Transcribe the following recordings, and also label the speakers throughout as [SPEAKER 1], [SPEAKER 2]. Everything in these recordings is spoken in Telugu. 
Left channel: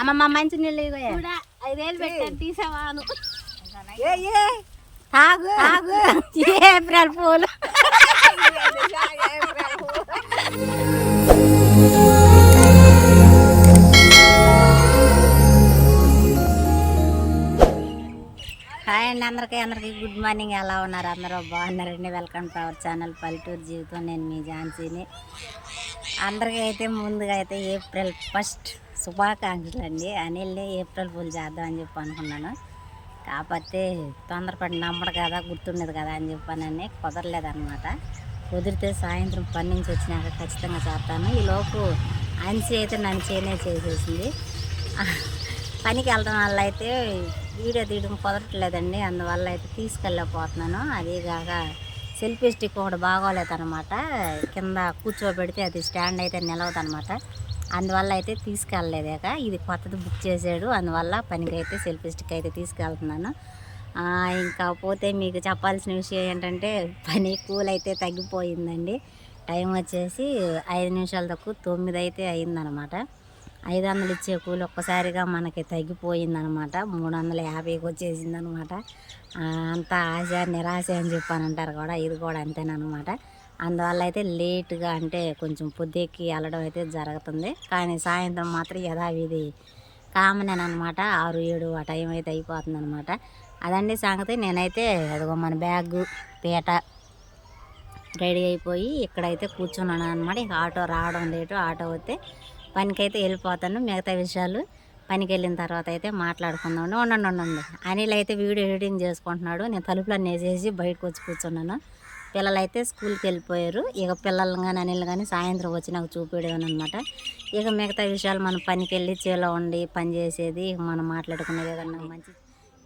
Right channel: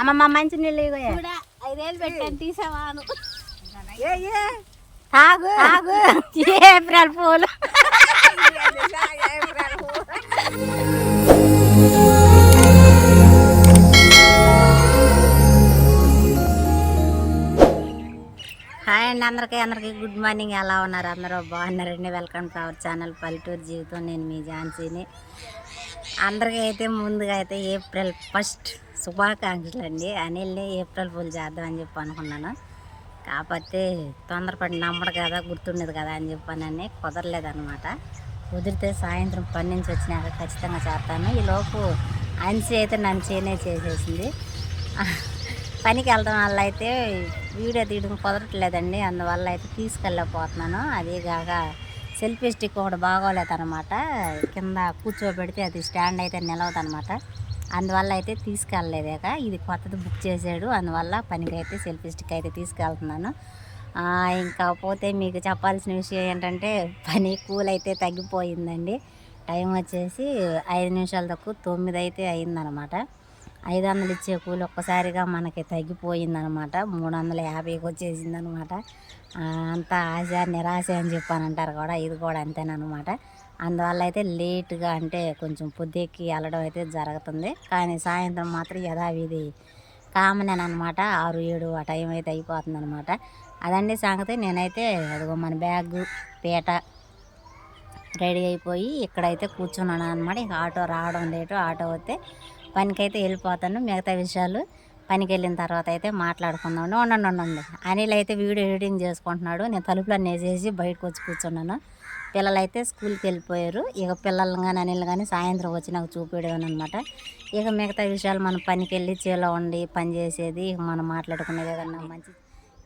[SPEAKER 1] అమ్మమ్మ మంచి నీళ్ళు తాగు. తాగు. ఏప్రిల్ పూలు. హాయ్ అండి అందరికీ అందరికీ గుడ్ మార్నింగ్. ఎలా ఉన్నారు? అందరూ బాగున్నారండి? వెల్కమ్ టు అవర్ ఛానల్ పల్లెటూరు జీవితం. నేను మీ ఝాన్సీని. అందరికీ అయితే ముందుగా అయితే ఏప్రిల్ ఫస్ట్ శుభాకాంక్షలు అండి అనిల్ని ఏప్రిల్ పూలు చేద్దాం అని చెప్పి అనుకున్నాను. కాకపోతే తొందరపడి నమ్మడు కదా గుర్తుండదు కదా అని చెప్పానని కుదరలేదనమాట కుదిరితే సాయంత్రం పని నుంచి వచ్చినాక ఖచ్చితంగా చేస్తాను. ఈలోపు అంచి అయితే నన్ను చేనే చేసేసింది. పనికి వెళ్ళడం వల్ల అయితే వీడియో తీయడం కుదరట్లేదండి. అందువల్ల అయితే తీసుకెళ్ళకపోతున్నాను అదేగాక సెల్ఫీ స్టిక్ ఒకటి బాగోలేదన్నమాట. కింద కూర్చోబెడితే అది స్టాండ్ అయితే నిలవదన్నమాట. అందువల్ల అయితే తీసుకెళ్ళలేదాక ఇది కొత్తది బుక్ చేశాడు అందువల్ల పనికి అయితే సెల్ఫీ స్టిక్ అయితే తీసుకెళ్తున్నాను. ఇంకా పోతే మీకు చెప్పాల్సిన విషయం ఏంటంటే పని కూల్ అయితే తగ్గిపోయిందండి. టైం వచ్చేసి ఐదు నిమిషాల తక్కువ తొమ్మిది అయితే అయిందనమాట. ఐదు వందలు ఇచ్చే కూలి ఒక్కసారిగా మనకి తగ్గిపోయిందనమాట. మూడు వందల యాభైకి వచ్చేసిందనమాట అంత ఆశ నిరాశ అని చెప్పానంటారు కూడా. ఇది కూడా అంతేనమాట అందువల్ల అయితే లేట్గా అంటే కొంచెం పొద్దుకి వెళ్ళడం అయితే జరుగుతుంది. కానీ సాయంత్రం మాత్రం యథావిధి కామన్ అనమాట ఆరు ఏడు ఆ టైం అయితే అయిపోతుంది అనమాట అదండి సంగతి. నేనైతే అదిగో మన బ్యాగ్ పీట రెడీ అయిపోయి ఇక్కడైతే కూర్చున్నాను అనమాట ఇక ఆటో రావడం లేటు ఆటో వస్తే పనికైతే వెళ్ళిపోతాను. మిగతా విషయాలు పనికి వెళ్ళిన తర్వాత అయితే మాట్లాడుకుందాం ఉండండి ఉండండి. అనిల్ అయితే వీడియో ఎడిటింగ్ చేసుకుంటున్నాడు. నేను తలుపులన్నీ వేసేసి బయటకు వచ్చి కూర్చున్నాను. పిల్లలు అయితే స్కూల్కి వెళ్ళిపోయారు. ఇక పిల్లలు కానీ అనిల్ కానీ సాయంత్రం వచ్చి నాకు చూపించడం అనమాట ఇక మిగతా విషయాలు మనం పనికి వెళ్ళి చేలో ఉండి పని చేసేది ఇక మనం మాట్లాడుకునేది ఏదన్నా మంచి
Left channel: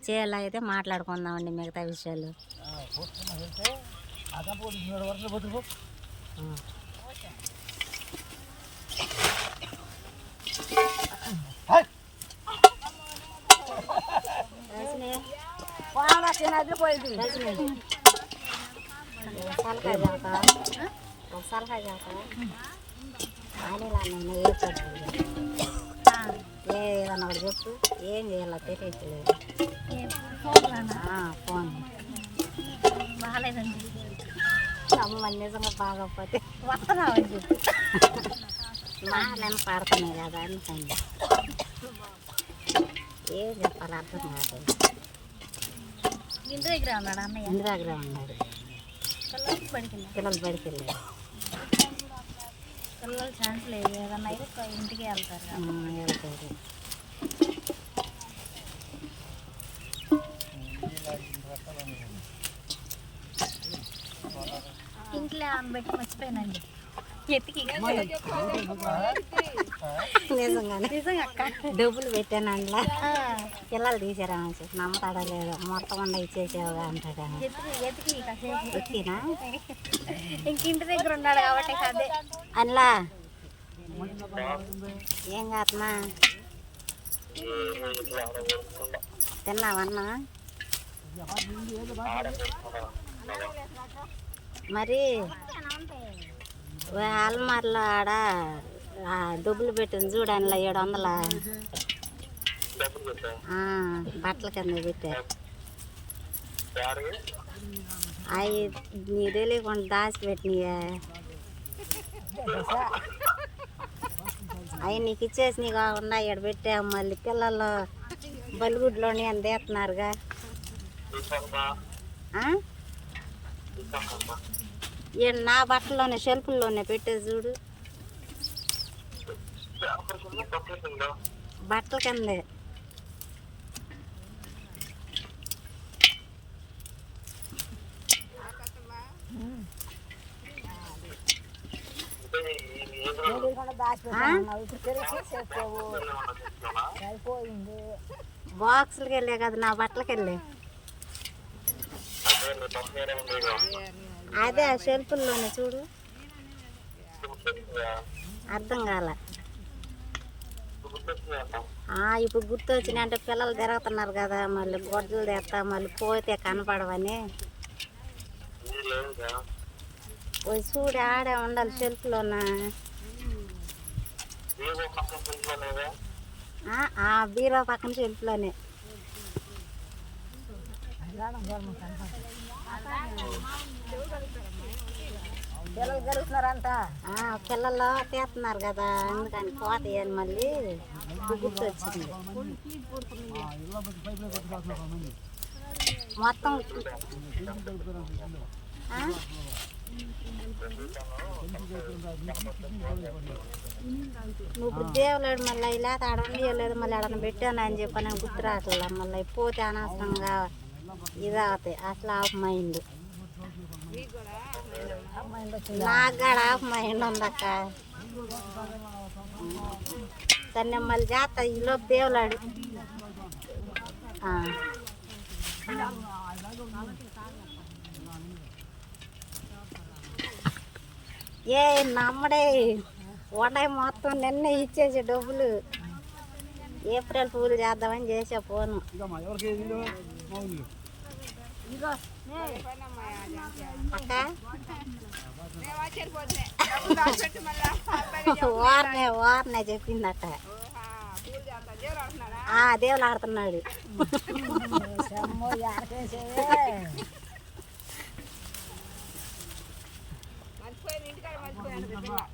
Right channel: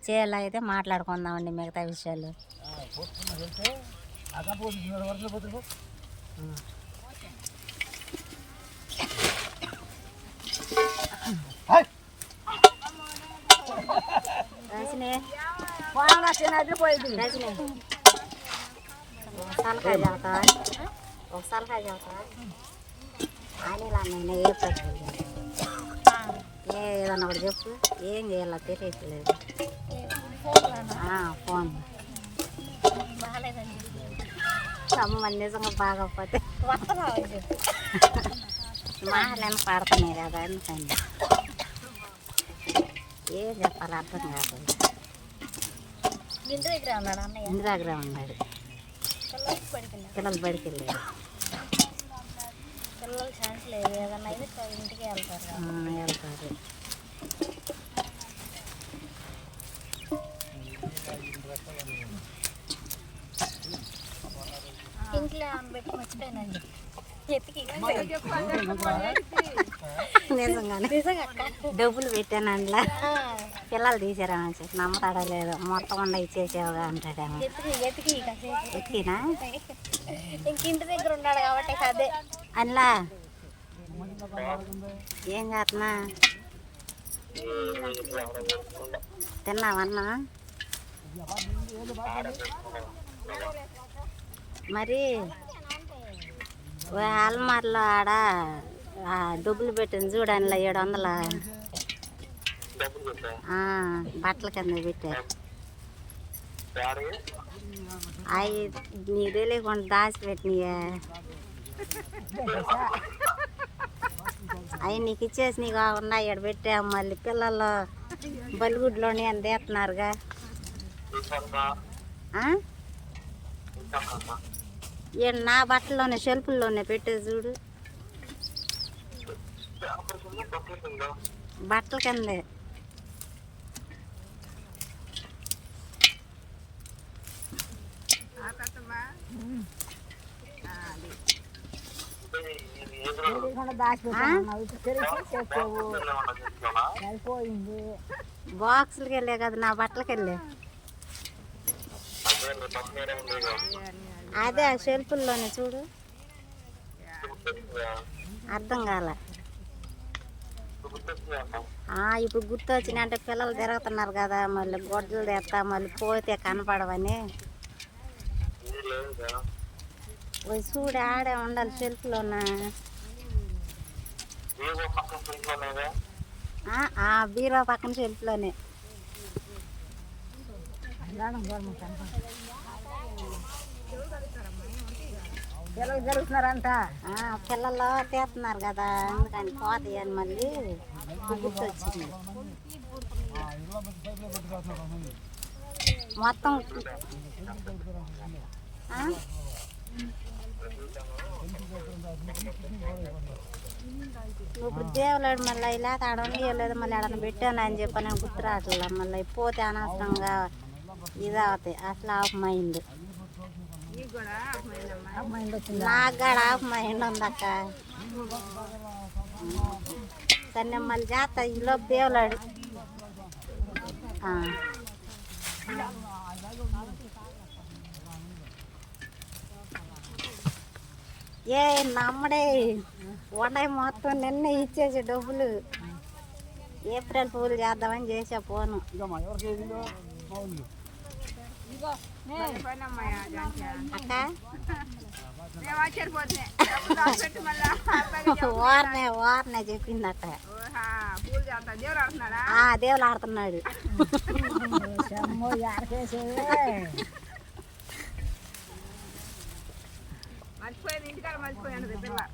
[SPEAKER 1] చేలో అయితే మాట్లాడుకుందామండి మిగతా విషయాలు. చేస్తా ఒక సలహా చేస్తా అనిల్ అన్న ఏ ఏదన్నా ఒకటి చెప్పు ఏం చేయాలో తెలియట్లేదు ఫోన్ అమ్మ నిజంగా బాగోకపోతే మాటలను పడుతున్నాయి కదా అందుకని ఏం చెప్పాలి అర్థం కాదు
[SPEAKER 2] ఇంటి దగ్గర ఉన్నాడు అన్నయ్య
[SPEAKER 1] ఇంటి దగ్గర ఉన్నాడు
[SPEAKER 2] పిల్లలకి పడికింది
[SPEAKER 1] పిల్లలు బడికి వెళ్ళాడు
[SPEAKER 2] పిల్లలు ఛాన్స్ లేదు. ఏదన్నా అయితే ఇంటికి వెళ్తారు
[SPEAKER 1] వెళ్తారు.
[SPEAKER 2] ఇంట్లో ఆమె పెట్టి మర్చిపోయానండి. ఎత్తికి
[SPEAKER 1] నిజంగానే.
[SPEAKER 2] నిజంగా అక్క.
[SPEAKER 1] డబ్బులు పెట్టాను అందులో. పిల్లలు తీసారని చెప్పి నమ్మతాడో లేదో మొత్తం ఉండ ఇచ్చేసేవుగా అంటాడేమో
[SPEAKER 2] ఇంక ఇంటి దగ్గర ఉన్నాడు కాబట్టి అదే.
[SPEAKER 1] అందులో ఏం చేస్తున్నా? తిన్నావన్నా మరి అల్మార్లో ఆడ డబ్బులు పెట్టింది చూడు అందులో ఏడు వందల. బట్టల కింద పెట్టా. అవి నీకు తెలియకుండా దాచిపెట్టినాయా అవి నీకు ఇచ్చేసి నీకు కాకుండా ఇక్కడ పెట్టా. మళ్ళీ పిల్లలు బలిగుడ్లోని అని తీస్తున్నారుగా. నా బట్టల్లోనే షెల్ఫ్ల్లోనే పెట్టే చూడు. బట్టల కిందే. బాక్సులకి వెళ్ళే కదా నా బట్టలకి వెళ్ళే. అదే ఆ షెల్ఫుల్లోనే చూడు. అర్థం కాల. ఆ, ఇప్పుడు గుర్తొచ్చినాయంటే పిల్లలు తిరుగుతున్నారు కదా మళ్ళీ గొడ్డలు తెస్తా మళ్ళీ పోతే కనపడవని. పోయి చూడు ఆడే ఉండాలి షెల్ఫ్లోన ఆ, ఆ బీరో పక్కన షెల్ఫ్లోనే ఆ, పిల్లలు తీస్తున్నారు కదా అందుకని పోతాయి అని మళ్ళీ. గుర్తు వచ్చింది మొత్తం ఇప్పుడు దేవులాడు మళ్ళీ ఇలా తాడండి ఇవ్వలేదు మళ్ళీ ఎడన పెట్టాను అని చెప్పి నేను గుర్తురాట్ల మళ్ళీ పోతే అనవసరంగా ఇది అవుతాయి. అసలు ఆఫ్ మైండ్. నాకు కూడా ఆఫ్ మైండ్ ఉందక్క సరే మళ్ళీ చేస్తా ఈలోపు దేవులాడు ఆ. ఏ నమ్మడే. వండాయి మొత్తం నిన్న ఇచ్చేసి డబ్బులు. ఏప్రిల్ పూలు చేద్దామని చేసా ఫోను. అక్క? వారనే వారనే చెప్పిందట. ఆ దేవుడు ఆడుతున్నాడు.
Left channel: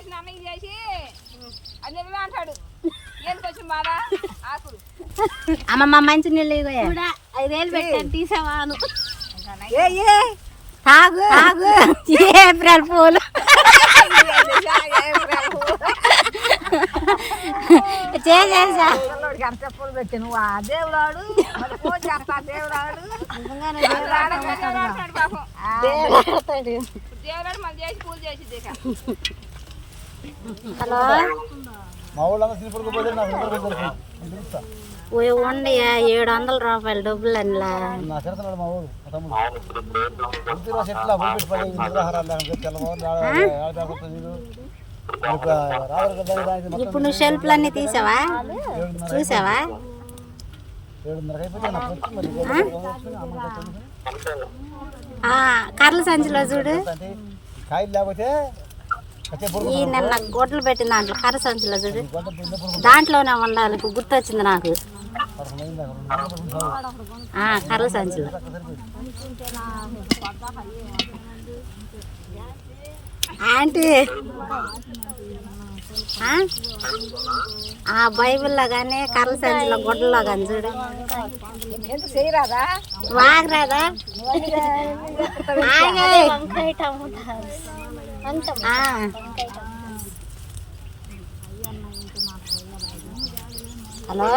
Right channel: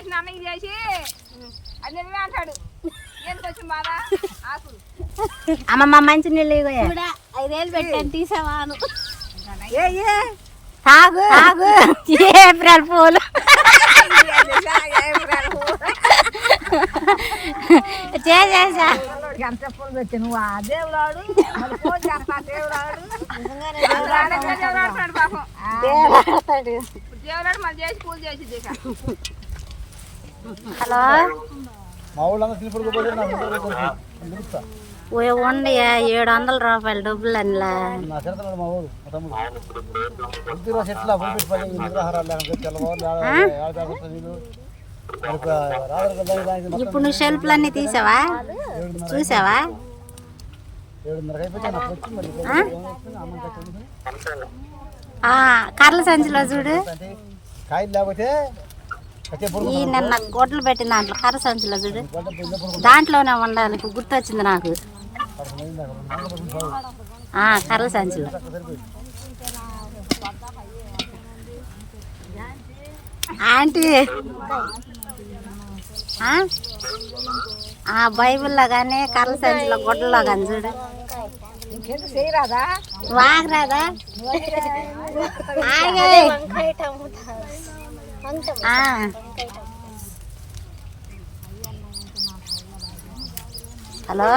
[SPEAKER 3] చేసిన అన్నకి చేసి. అన్నీ అంటాడు. ఎందుకు వచ్చి మాట ఆకులు.
[SPEAKER 1] అమ్మమ్మ మంచి నీళ్ళు ఇగోయే.
[SPEAKER 2] చూడా ఐదు వేలు పెట్టాను తీసావాను.
[SPEAKER 1] తాగు. తాగు. ఏప్రిల్ పూలు. చేసేసా.
[SPEAKER 3] దేవుడాడు పాపం.
[SPEAKER 1] దేవుడాడతాడు.
[SPEAKER 3] దేవుడాడు మనం చేసి పూజ చేసి
[SPEAKER 1] హలో?
[SPEAKER 4] మా ఊళ్ళంతా తిరుపతికి పోతే నాకు నిద్ర వచ్చేసింది. నిద్ర.
[SPEAKER 1] ఓ ఉండి ఏడు వందల రూపాయలు డబ్బులు అనిలా. ఇప్పుడు నువ్వు షెల్ఫ్లన్నీ తీసావా? చూసావా? కర్ల సంచిలో చూడు.
[SPEAKER 4] కాయలు లేకపోతే
[SPEAKER 1] ఈ నిన్న గొడ్లు పెట్టిన దాంట్లో కర్ర సంచిలో చూడు. దాంట్లోనే ఉండాలి ఇప్పుడు గుర్తొచ్చింది నాకు. కర్ల సంచిలో. ఆంటీ. ఆ? బైబిల్లో కానీ కర్ల సంచిలో గుడ్డలో కానీ చూడు. వాగరాదా ఆగే
[SPEAKER 2] వంకాయ టమోటా వంకాయ
[SPEAKER 1] ఆ. హలో?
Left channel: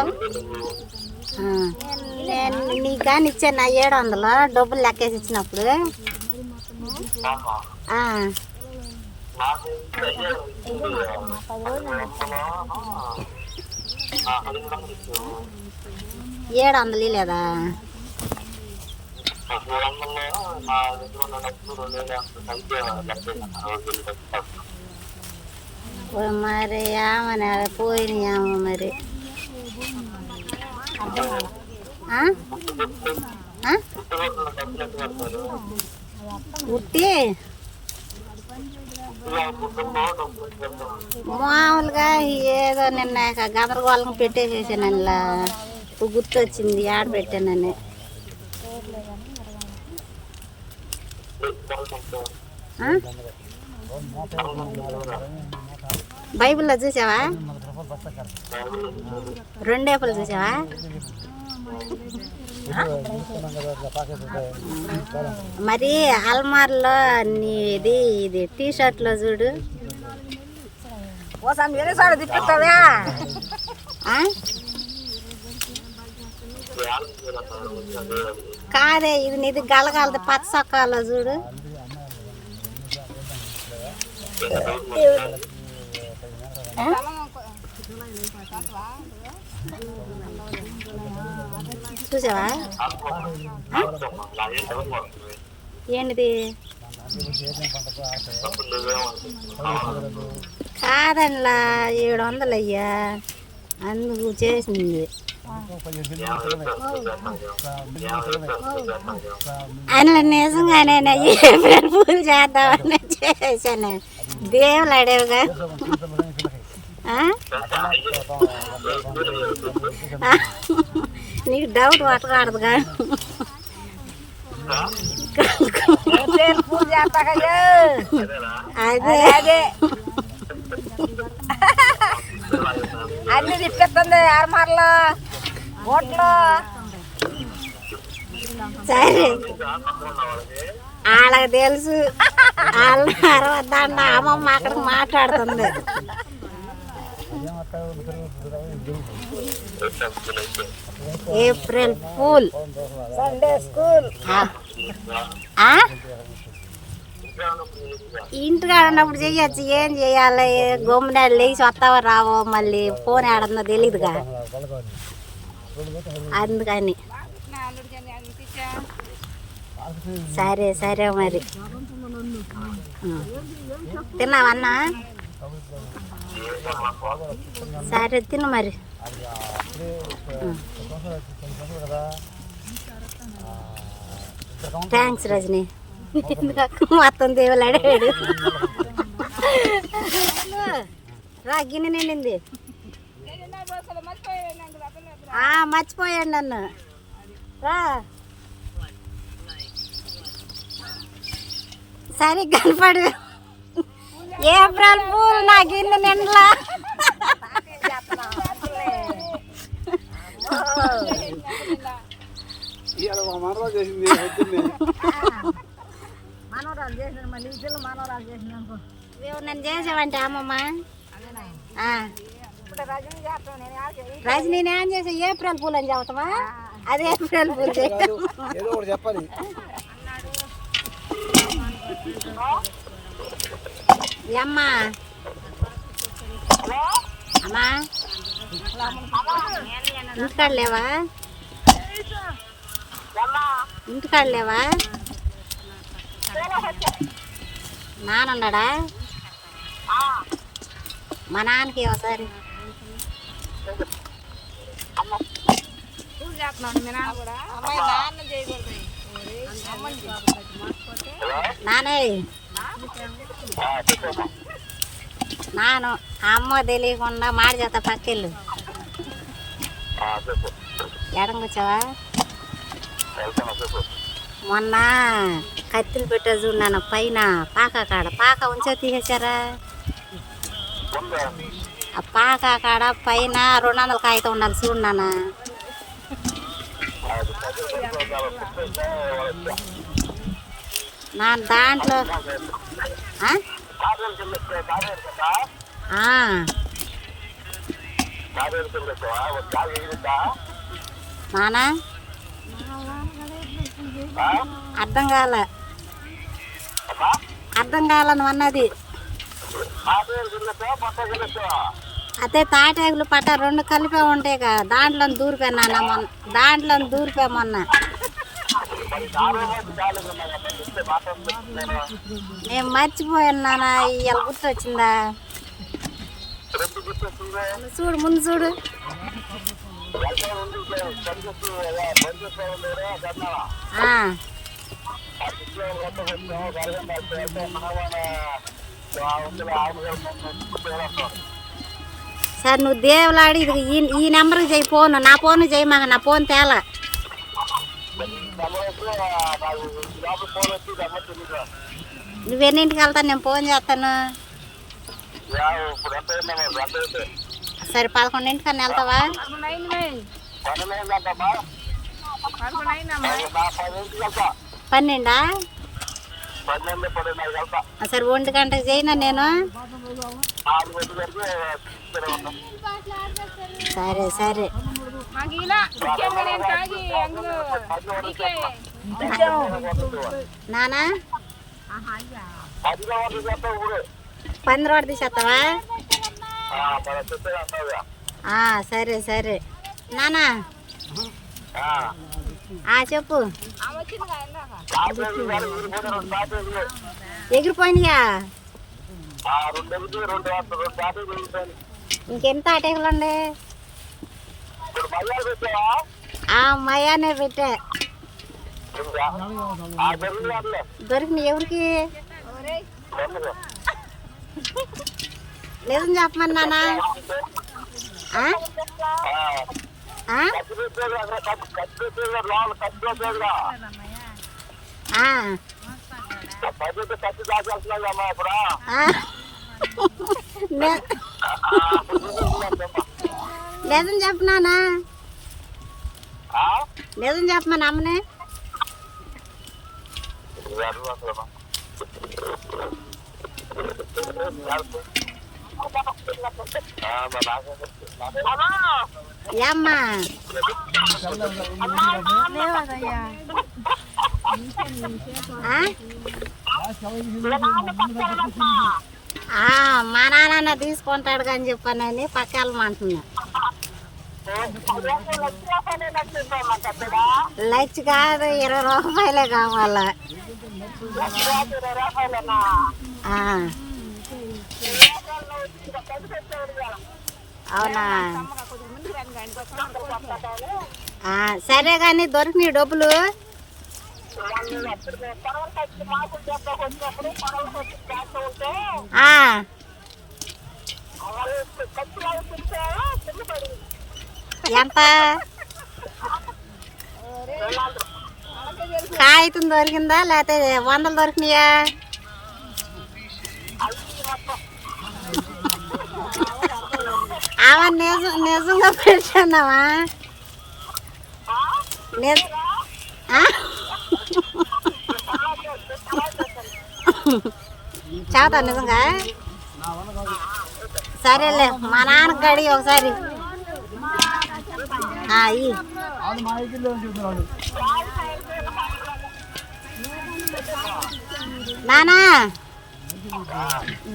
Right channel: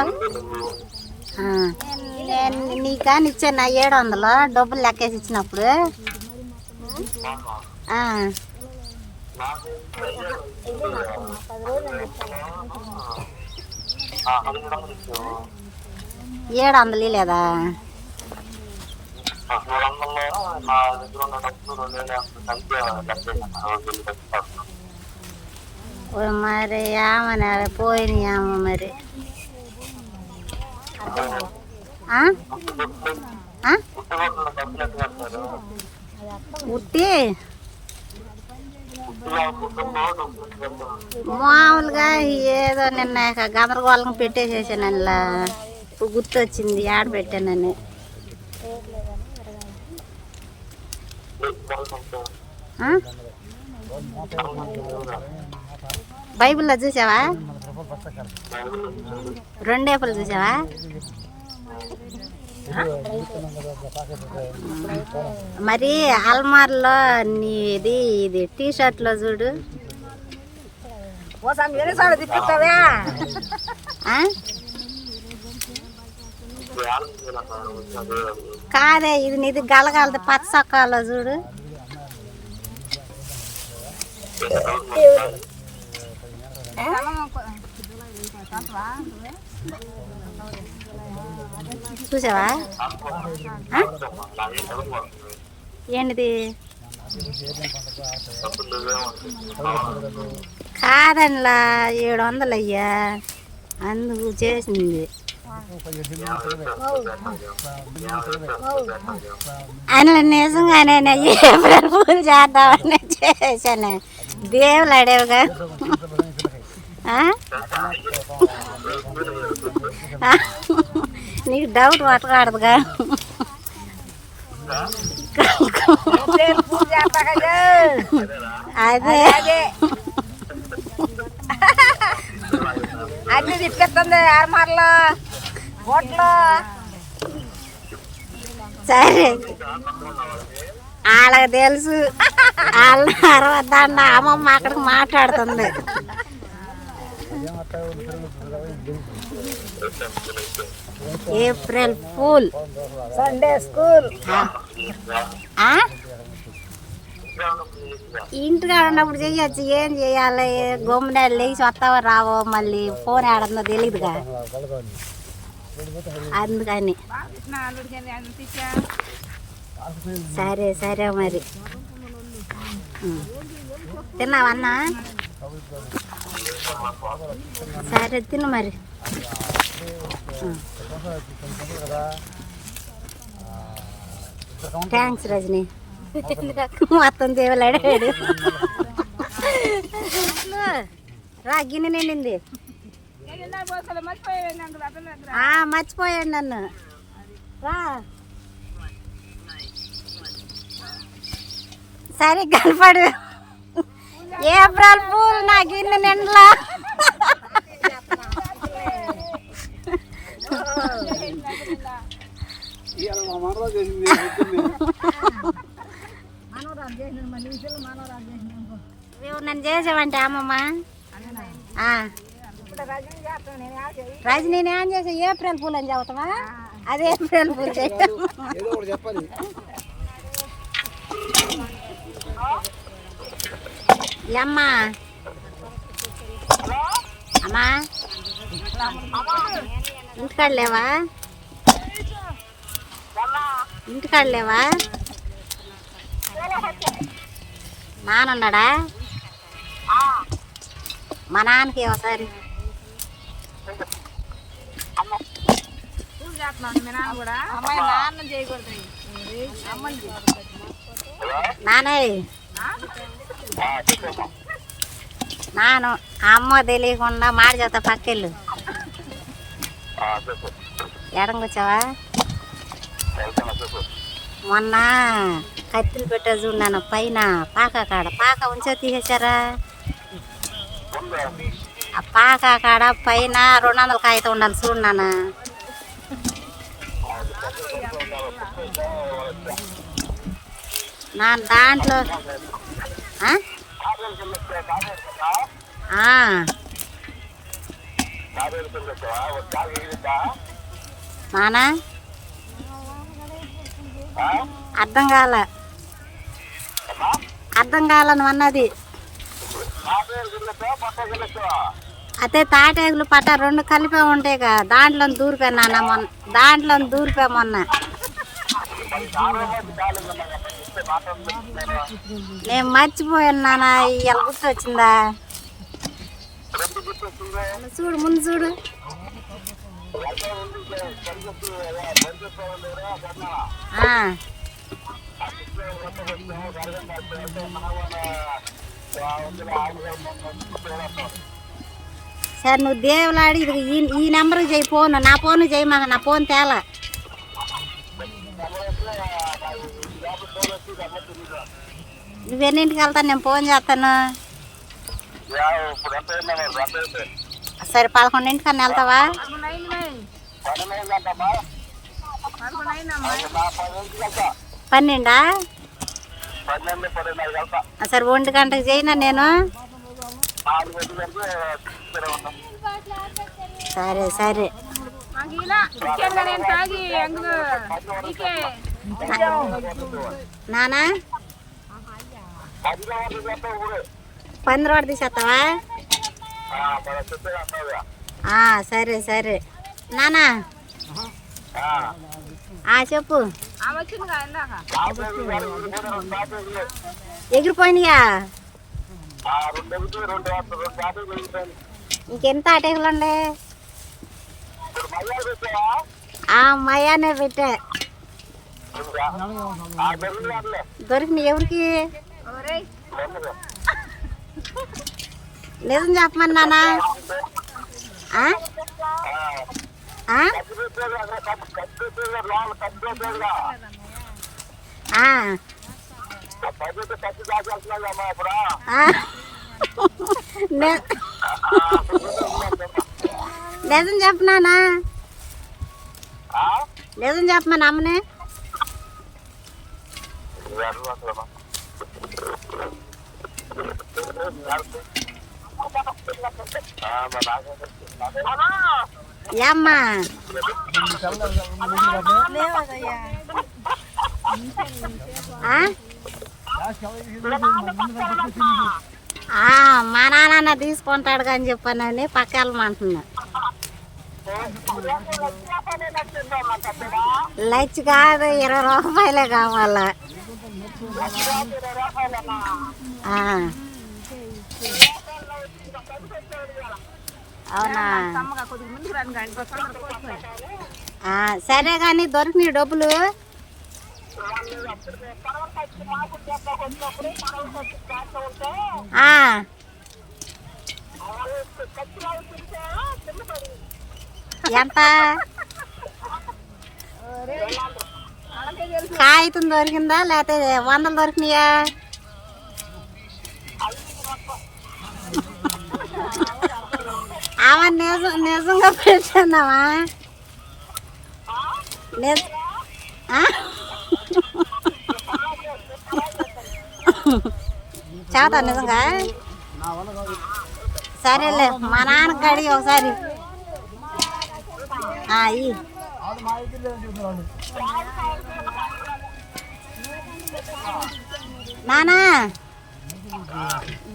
[SPEAKER 1] నేను నీకు కానీ ఇచ్చాను నా ఏడు వందలు డబ్బులు లెక్కేసి ఇచ్చినప్పుడు. ఏడు వందలు లేదా ఓ మరి ఏమని పోయినాయేమో మరి ఆ? మరి ఉట్టి మామూలుగా ఏదో నిన్న గమరగోళం గందరగోళం పెట్టేసేసాను ఇప్పుడు గుర్తొచ్చింది ఆడ పెట్టానని బైబిల్లో చూసావా? రెండేపులు చూసావా? మరి అల్మార్లో నీది ఇది టీ షర్ట్లో చూడు ఆ? కాదే ఇది నీది గలగలది పచ్చ సొక్కాల చూడు. చూసావా? ఏంటిది? కాదనిలా ఏడు వందలు అయ్యా అందుకు చేసింది. అందులో నిజంగానే ఏప్రిల్ పూలు చేద్దామని చేశాను. దేవులు అడేవుగా. నీకు డౌట్ పట్టకూడదుగా. అదే.
[SPEAKER 3] అన్ని తిప్పేస్తుంది ఆరమార్లు. ఓట్లు
[SPEAKER 1] సరే. వాళ్ళకి తెలుసు. వాళ్ళ అరవద్దండ అమ్మమ్మ అక్కడికి మాట్లాడుతుంది. April fool.
[SPEAKER 3] Sunday school.
[SPEAKER 1] ఇంటికాడ ఉన్నప్పుడు చెయ్యొచ్చు. ఏం చెయ్యాలి? గమ్మున లేచి వస్తావో రావో? మళ్ళీ ఫోన్ ఆడుందో తెలియదుగా అందుకని. సరే సరే మరి. తిన్నావన్నా సరే తిను మరి. థ్యాంక్స్ రజని. మొత్తం దేవులు అడిగాడు. నిండింది. మర్చిపోయాడు నన్ను. రా. సరే కనపడు. ఏప్రిల్ పూలు నా గిన్నె నిండలా నన్ను చేసావంటే అమ్మమ్మ.
[SPEAKER 3] రజనీ నేను
[SPEAKER 1] చేసా. ఏప్రిల్ పూలు అని చెబుతావా? అది ఏప్రిల్ పూలు
[SPEAKER 4] చెప్పాలి.
[SPEAKER 1] అమ్మా? అమ్మా? ఇంటికాడ లేవా? ఇంటికాడ లేవా? నానున్నాడా మా నాన్నకి ఒకసారి నాను అమ్మ తెలియకుండా మాట చేత పక్కెళ్ళు. ఎడం కూర్చోవా? మొన్న కత్తిలు పెట్టా చూడాను పైన పాక కాడ. పాక ఉంచే తీసేశారా? ఆ పాక కాడ పైన రెండు వందల కాగితం ఉండాలి చూడు నాన్న. నా దాంట్లో నానా? అర్థం కాల. అర్థం కాలను అన్నది. అదే తాటాకులు పట్ట రెండు కలిపే ఉంటాయి కదా దాంట్లో దూరిపోయినా మొన్న. దాంట్లో దూరిపా మొన్న. నేను మర్చిపోయాను నాన్న ఇవాళ గుర్తొచ్చిందా చూడు ముందు చూడు. ఆ, సరే నువ్వు దేవులాడి ఇది ఈ ఈ నెంబర్కి చేయి ఫోన్. నా ఫోన్ చేయి మాకు నా ఫోన్ తేలా. నువ్వు ఎన్నింటికి వెళ్తాను నేను ఫోన్ చేస్తాను. సరే పదకొండింటికన్నా వెళ్తావా? పన్నెండా? సరే ఒంటి గంటకి చేయినా నేను. సరే సరే.
[SPEAKER 3] నానా?
[SPEAKER 1] పంద్రోడి రోడ్ సరే సరే. నానా? చెప్పు. ఎగిరిపోయినాయా. ఇంకెంత అటేకలండి ఆ మయానే పెట్టా దొరికినాయి ఎవరికి నిజం చెప్పమని నాన్న ఆ? ఆ? ఆ. ఆ. ని- నిజం చెప్పనానా నిజం చెప్పమని అమ్మనే ఏమ్మా ఆ? మా నాన్న తీసుకుంటాడు కానీ చెప్పానని పక్క వెళ్ళమంటున్నా. లక్ష కాదు ఇరవై రూపాయలే కావాలా. అవునా? సరే కానీ దొరికినాయి డబ్బులు. ఆ. ఎంత కాగితం దొరికిందా? లేకపోతే వందలు దొరికినాయా? ఆమె నిజం నిజంగా పెట్టానావా నిజ ఆ? నిజంగా సరేలే మా నాన్నకి గడి ఒకసారి. ఆ, నానా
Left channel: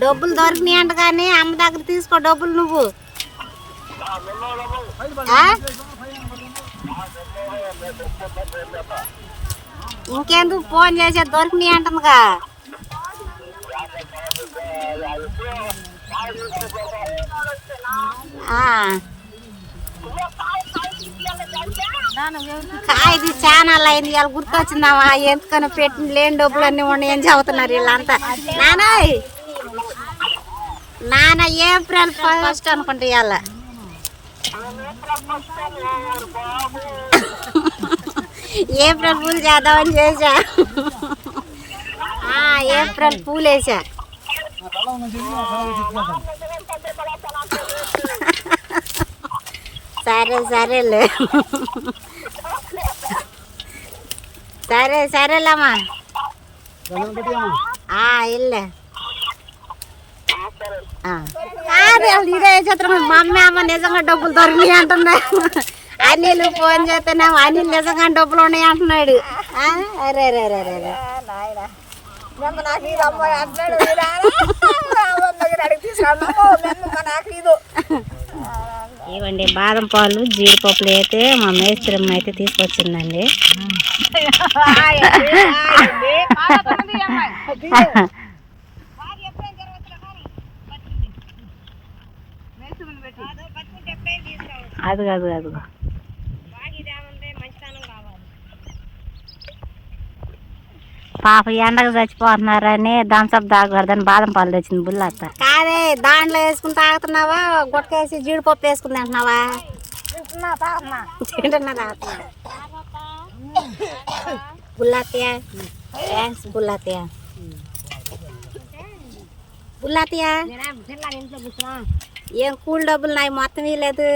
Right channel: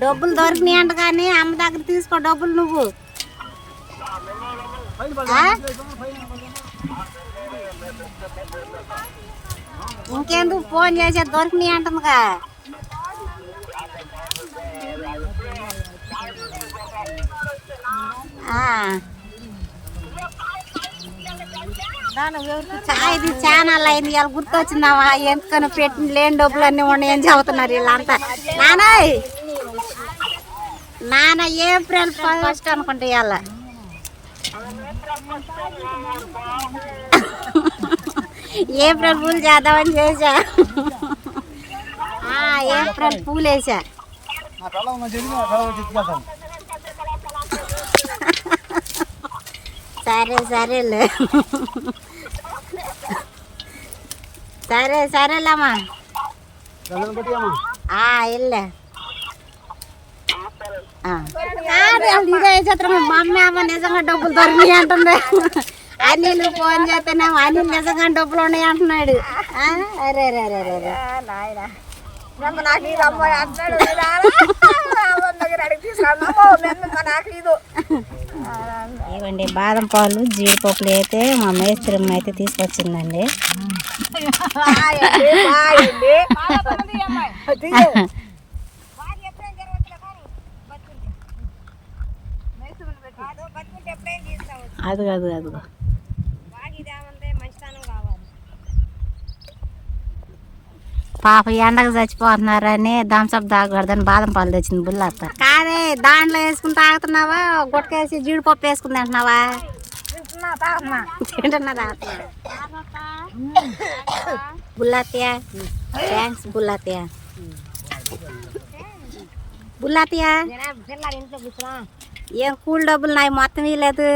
[SPEAKER 1] డబ్బులు దొరికినాయి అంట కానీ అమ్మ దగ్గర తీసుకో డబ్బులు నువ్వు. ఇంకేందుకు ఇంకెందుకు ఫోన్ చేసే దొరికినాయి అంటుందిగా ఆ. కాయది చాలా అయింది. ఇవాళ గుర్తొచ్చిందామా? ఎందుకని పెట్టిన లేని డబ్బులు అన్నీ ఉన్నాయని చెబుతున్నారు వీళ్ళంతా. నానాయ్ నాన్న ఏప్రిల్ ఫస్ట్ అనుకుంటా ఇవాళ. ఏప్రిల్ పూలు చేద్దామని ఆ, ఏప్రిల్ పూలు వేసా సరే సరేలే సరే సరేలేమ్మా
[SPEAKER 4] గంధం పెట్టియమ్మా
[SPEAKER 1] ఆ, ఇల్లే ఆ. కాదు అసలు ఇదే చిత్రం మా అమ్మ అమ్మ నిజంగా డబ్బులు దొరికినాయి అంటుంది అనిల్ ఫోన్ చేస్తేనేమో అనిల్ నిజంగా డబ్బులు ఉన్నాయి అంటున్నాడు ఆ? అరే అరే అరే అరే
[SPEAKER 3] నాకు ఇది అమ్మాయి ఇది.
[SPEAKER 1] ఇవ్వండి బాదం పాలు జీడిపప్పులు అయితే మా మేస్త్రమ్మ అయితే తీసుకొచ్చిందండి. అది కాదు అది పాప ఎండకు చచ్చిపోతున్నారని థమ్స్అప్ తాగకూడదని బాదం పాలు తెచ్చింది బుల్లత్త. కాదే దాంట్లో వేసుకుని తాగుతున్నావా? గుట్టకేసి జీడిపప్పు వేసుకుని తింటున్నావా తింటున్నా తాగుతున్నా. బుల్లత్తయ్య థ్యాంక్స్ బుల్లత్తయ్య బుల్లత్తయ్య ఏం కూల్ డబ్బులు నాయి మొత్తం ఇవ్వలేదు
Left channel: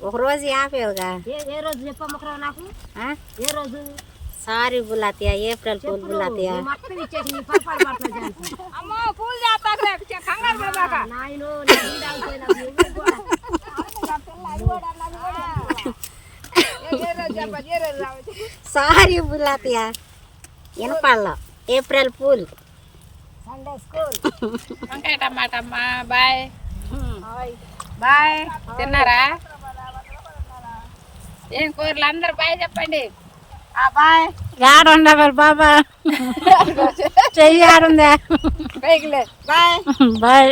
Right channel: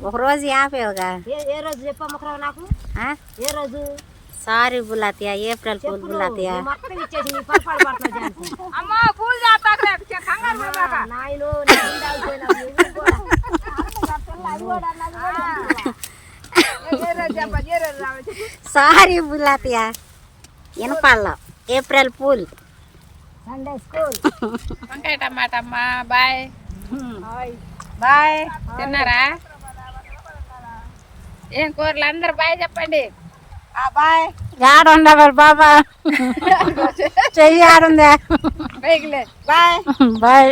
[SPEAKER 1] ఒక రోజు యాభైగా
[SPEAKER 2] ఏ రోజు చెప్పమ్మకరా నాకు? ఏ రోజు?
[SPEAKER 1] సారీ బుల్లత్తయ్య ఏప్రిల్
[SPEAKER 3] రోజు రావచ్చు
[SPEAKER 1] సారీ బుల్లత్తయ్య వినపడలో ఏప్రిల్ పూల్
[SPEAKER 2] సండే స్కూల్
[SPEAKER 3] వంకాయ టమాటా అమ్మా బాయ్. బాయ్. తిన్నారా? ఏం కూరలు? అందరు బాయ్ చెప్పండి.
[SPEAKER 1] మరి బాబా. చెయ్యి ఆడుందా
[SPEAKER 3] బాయ్.
[SPEAKER 1] బాయ్.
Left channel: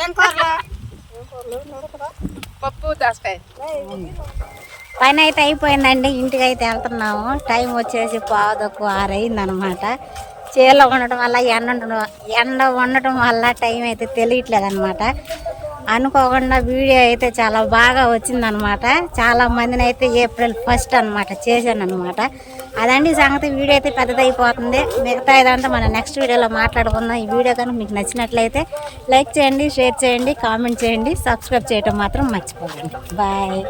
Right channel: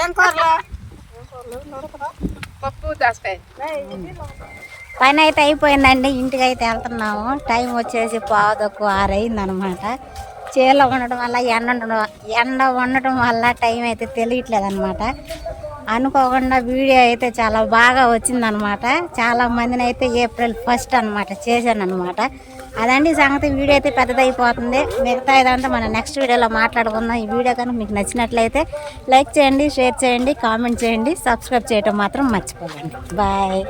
[SPEAKER 3] ఏం కూరలు? పప్పు దోసకాయ.
[SPEAKER 1] పని అయితే అయిపోయిందండి ఇంటికి అయితే వెళ్తున్నాము. టైం వచ్చేసి పావుదక్కు ఆరైంది అనమాట చేలో ఉండటం వల్ల ఎండ ఉండడం ఎండ ఉండటం వల్ల టైం అయితే తెలియట్లేదు అనమాట అనుకోకుండా వీడియో అయితే చాలా బాగా వచ్చిందనమాట. చాలా మందిని అయితే ఏప్రిల్ ఫస్ట్ అనమాట చేశాను అనమాట అదండి సంగతి. వీడియో అయితే పెద్దదైపోతుంది. మిగతా ఇదంతా మనం నెక్స్ట్ వీడియోలో మాట్లాడుకుందాం. ఈ వీడియో కనుక మీకు నచ్చినట్లయితే లైక్ చేయండి షేర్ చేయండి కామెంట్ చేయండి సబ్స్క్రైబ్ చేయటం మాత్రం మర్చిపోకండి. బాయ్.